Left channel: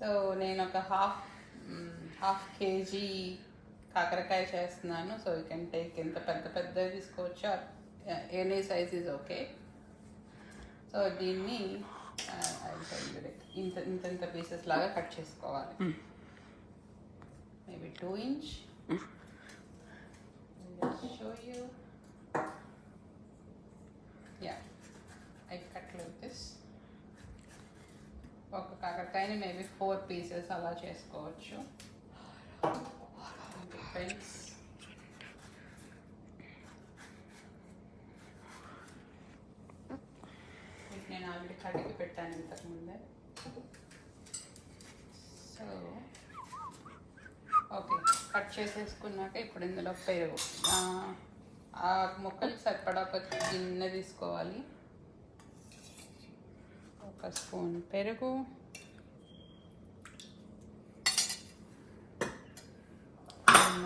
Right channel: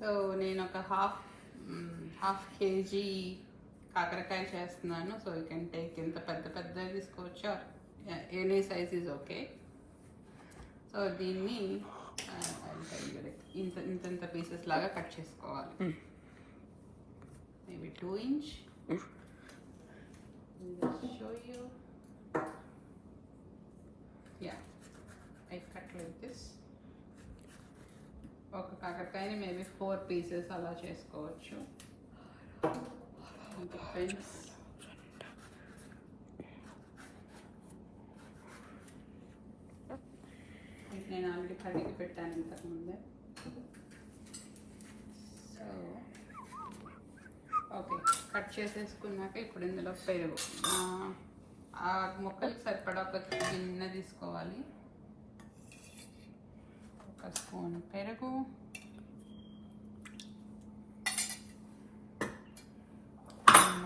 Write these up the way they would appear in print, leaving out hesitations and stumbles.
సో నేను ఒక half KG కాకరకాయ చేస్తున్నాను. సో యూ కెన్ టేక్ ఎంత పెద్దది తీసుకోవచ్చు, any size is okay. So దీన్ని ఇంత పీసెస్ లాగా కట్ చేసుకోవాలి. మేబీ 2 inch. Show you. Yeah, I cut like this. ఒక కాకరకాయని మేబీ 4 pieces అలా చేసుకోవచ్చు. ఫ్రెండ్స్, నేను ఆల్రెడీ కడిగి పెట్టాను ఇంతకుముందే. సో ఓకే, కట్ చేసేసుకున్నాక ఇప్పుడు ఇందులో పెరుగు, ఆ ముక్కలకు సరిపడా ఒక గిన్నె తీసుకోవాలి. 1 స్పూన్ పెరుగు,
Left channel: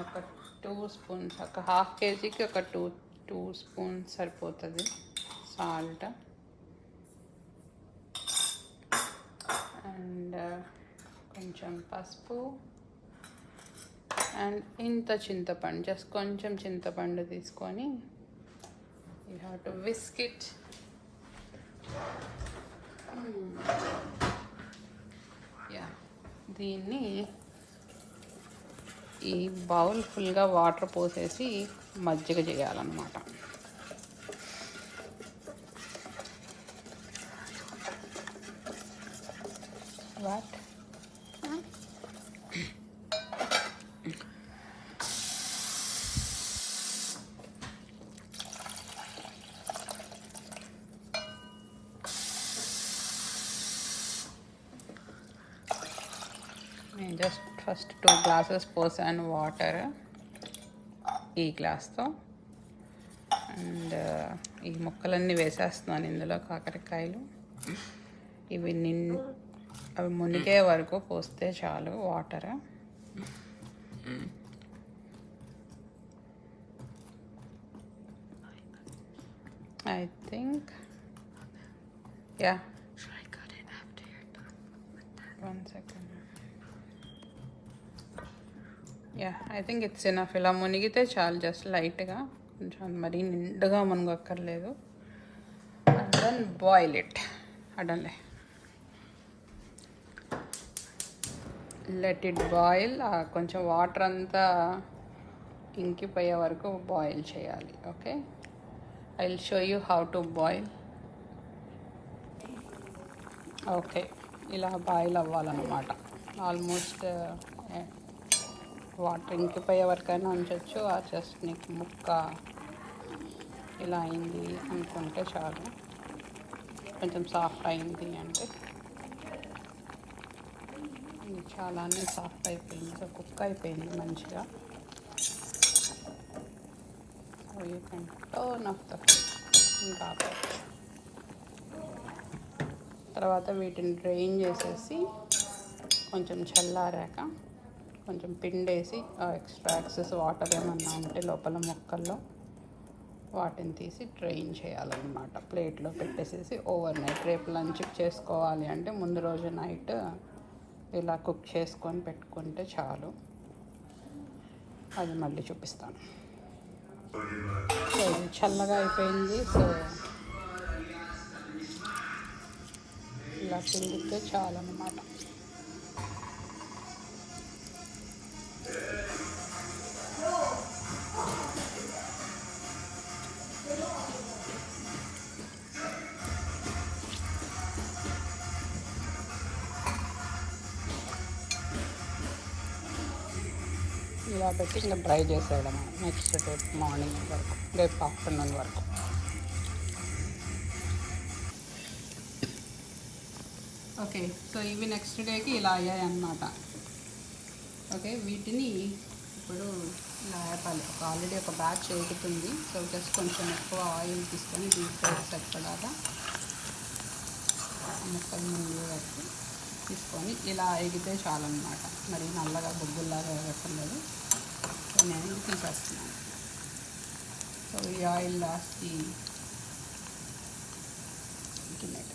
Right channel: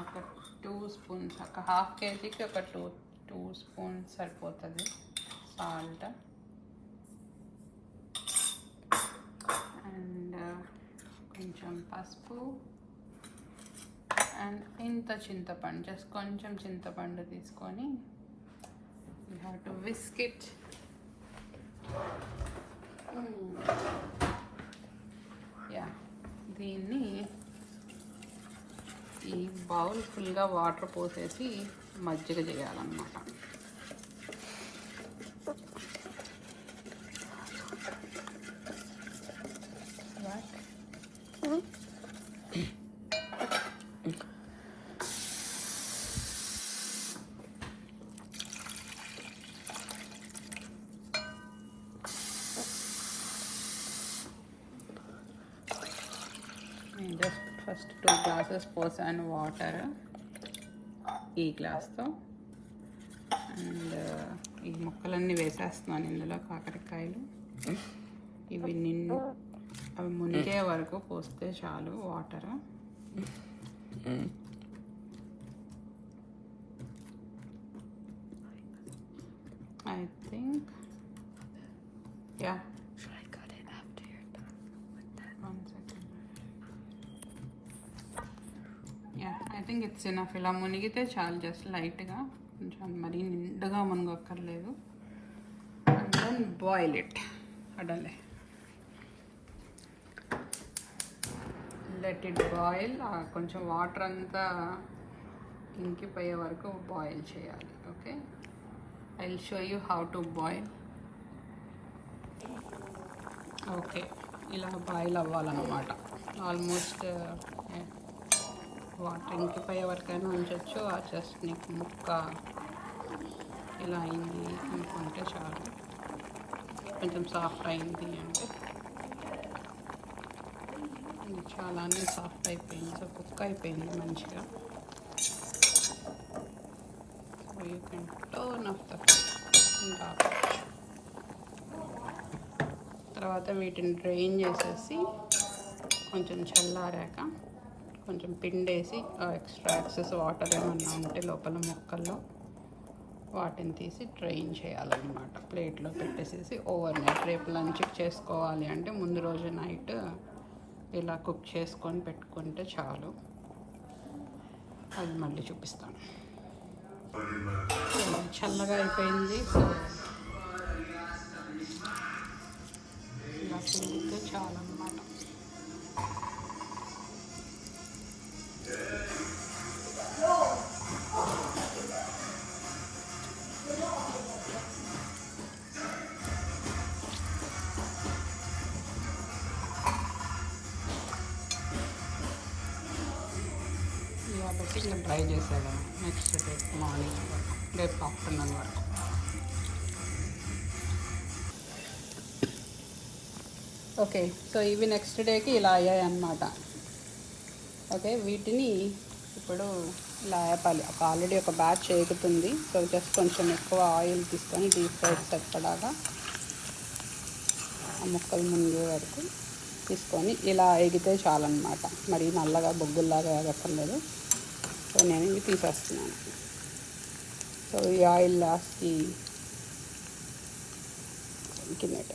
ఒక 2 స్పూన్స్, ఒక హాఫ్ కేజీకి ఒక 2 స్పూన్స్ సరిపోతుంది. సాల్ట్ అండ్ కొంచెం పసుపు అండ్ ఇంత చింతపండు, జస్ట్ కొంచెం చింతపండు తీసుకొని you have to whisk it. Yeah, దీన్ని ఈ బౌల్ ఫుల్గా వాటర్ పోసేసి మజ్జిగ చేయాలన్నమాట. వాట్ నేను జస్ట్ ఫస్ట్ 2 glasses పోసాను వాటర్ ఈ గ్లాస్తో. అండ్ ఈ ముక్కలన్నీ వేసేస్తున్నాను ఇందులో, కాకరకాయలు. అవి మునిగే వరకు పోస్తే చాలు water. I think yeah, 1 second. Yeah, I think it's enough. ఇలా మునిగితే చాలు, జస్ట్ లైట్గా, కొంచెం మరీ నిండుగా మునగక్కర్లేదు. And then boil it. అడలే లెట్ ఇట్ బాయిల్. కొంచెం వాటర్ అంతా ఇంకిపోయే వరకు బాయిల్ చేయాలి. Okay, I will show you how to boil. Okay, ఇలా బాయిల్ అవ్వాలన్నమాట. ఆల్మోస్ట్ వాటర్ ఇంకిపోయే వరకైనా ఉంచవచ్చు. జస్ట్ నీకు ముక్క ఇలా అయింది అనుకుంటే చాలు, కొంచెం సాఫ్ట్ అయింది అంటే. చాలానే సాఫ్ట్ అయిపోయింది, సో కుక్ అయిపోయింది మంచిగా. So you can turn off the ఇంకా. తర్వాత వీటిని డ్రైన్ చేసేసి కొంచెం చల్లారాక కొంచెం పిండేసి ఎక్స్ట్రా ఎక్సెస్ వాటర్ ఏమన్నా ఉంటే లోపల ముక్కల్లో వాటిని తీసి డ్రైన్ చేయాలన్నమాట. ప్లేట్లో పెట్టేసేసి ఓవర్ నైట్, రేపు లంచ్కి చేసుకోవాలి అంటే ముందు రోజు నైట్ ఇలా కుక్ చేసుకొని పెట్టుకుంటే చాలు. అది మళ్ళీ చూపిస్తాను. సో చల్లగా అయిపోయింది. సో ఇలా పిండితే చాలు అన్నమాట. ఇలా పెట్టి ఇంకా డ్రై చేసేయడం నెక్స్ట్ రేపు మార్నింగ్ వరకు, రేపు ఆఫ్టర్నూన్ వరకు. ఓకే, సో ఇవి నెక్స్ట్ డేకి ఇలా అయ్యాయి అన్నమాట. ఓకే, వీటిని ఇప్పుడు ఇలా వేపాలి. ఆల్రెడీ ఒక బ్యాచ్ ఎగుతుంది. సో జస్ట్ కొంచెం ఎక్కువ ఆయిల్ తీసుకొని డీప్ ఫ్రై సరిపడాగా ముక్కలు ముందు వరకు తీసుకొని ఇలా ఎగితే చాలన్నమాట. మరి నల్లగా బొగ్గుల్లాగా ఎగక్కర్లేదు. సో నేను ఇవి తీసేస్తున్నాను. సో ఈ ఆయిల్ లాస్ట్కి ఇంకిమేట్.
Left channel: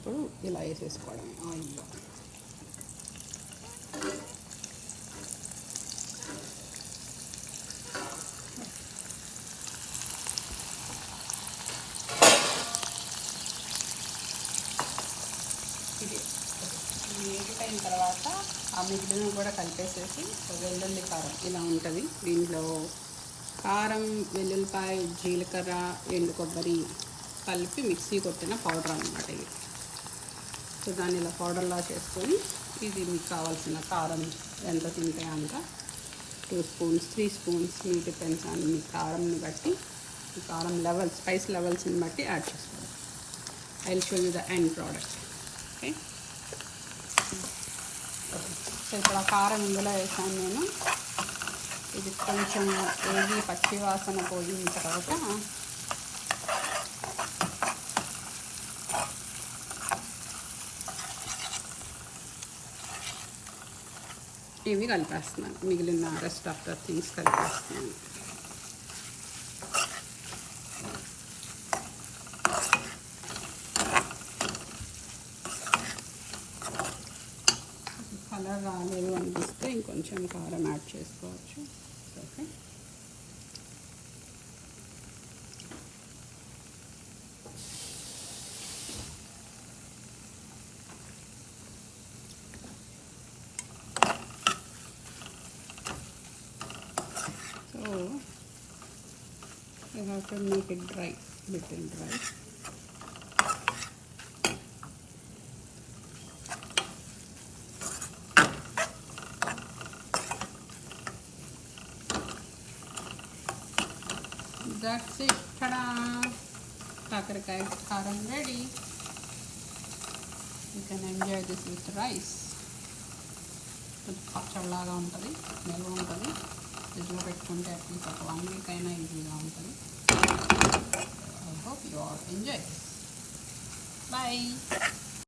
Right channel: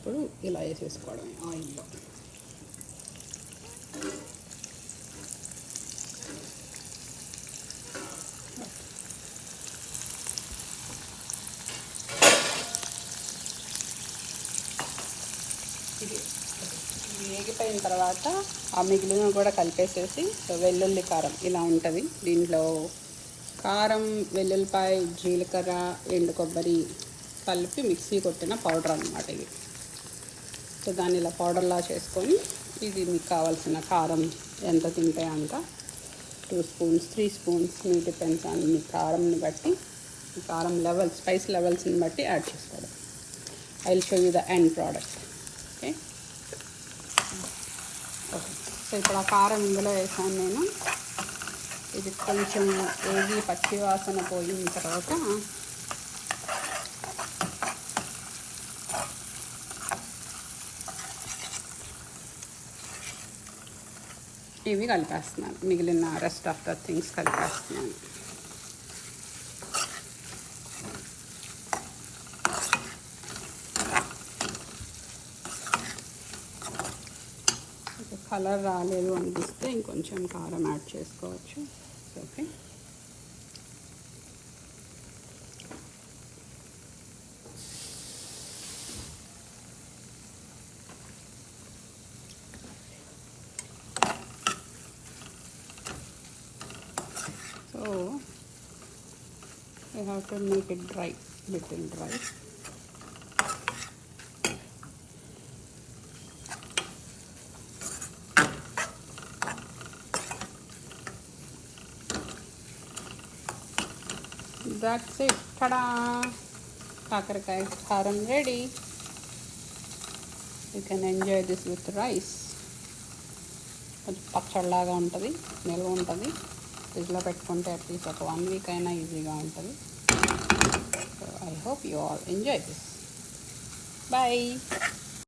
ఇప్పుడు ఇలా వేసేసుకోవడం ఆయిల్లో. ఇది మిగిలిపోయిన తర్వాత ఆ మిగిలిన కూడా కలిపేసేసి వెల్లుల్లి కారం ఇలా ఉంటుంది. దీంట్లో కారం, వెల్లుల్లిపాయ, జీలకర్ర, ఎండు కొబ్బరి కలిపి మిక్సీ కొట్టిన పౌడర్ అన్నమాట ఇది. సో దాన్ని ఇలా పౌడర్లా చేసుకొని ఇది మీకు కావాల్సిన కారం ఎంత తింటే అంత 2 స్పూన్స్ 3 స్పూన్స్ మీ డిపెండ్స్ ఆన్ మీ కారంని బట్టి, ఈ కారం లెవెల్స్ స్పైస్ లెవెల్స్ని బట్టి యాడ్ చేసుకోవడం. I will show you the end product. Okay okay so ఇప్పుడు ఆ కారం ఇందులో వేసాను నేను. ఇది కొంచెం వేగి పచ్చి వాసన పోయిన తర్వాత ఇవి కలిపేస్తున్నాను. మిగిలిన రెస్ట్ ఆఫ్ ద థింగ్స్ కలిపేస్తున్నాను. కలర్ రాలేదు అనిపిస్తే ఇంకొంచెం కారం యాడ్ చేసుకోవచ్చు. Okay so I have to make it dry, little dry. That's it. Ta-da! కాకరకాయ కారం ready. You can enjoy this with rice. కొంచెం పచ్చడిలాగా ఉంటుంది, నిల్వ ఉంటుంది. ఫ్రిడ్జ్లో పెట్టుకుంటే అట్లీస్ట్ ఒక 1 వీక్ అయినా ఈజీగా ఉంటుంది. I hope you all enjoy this. Bye.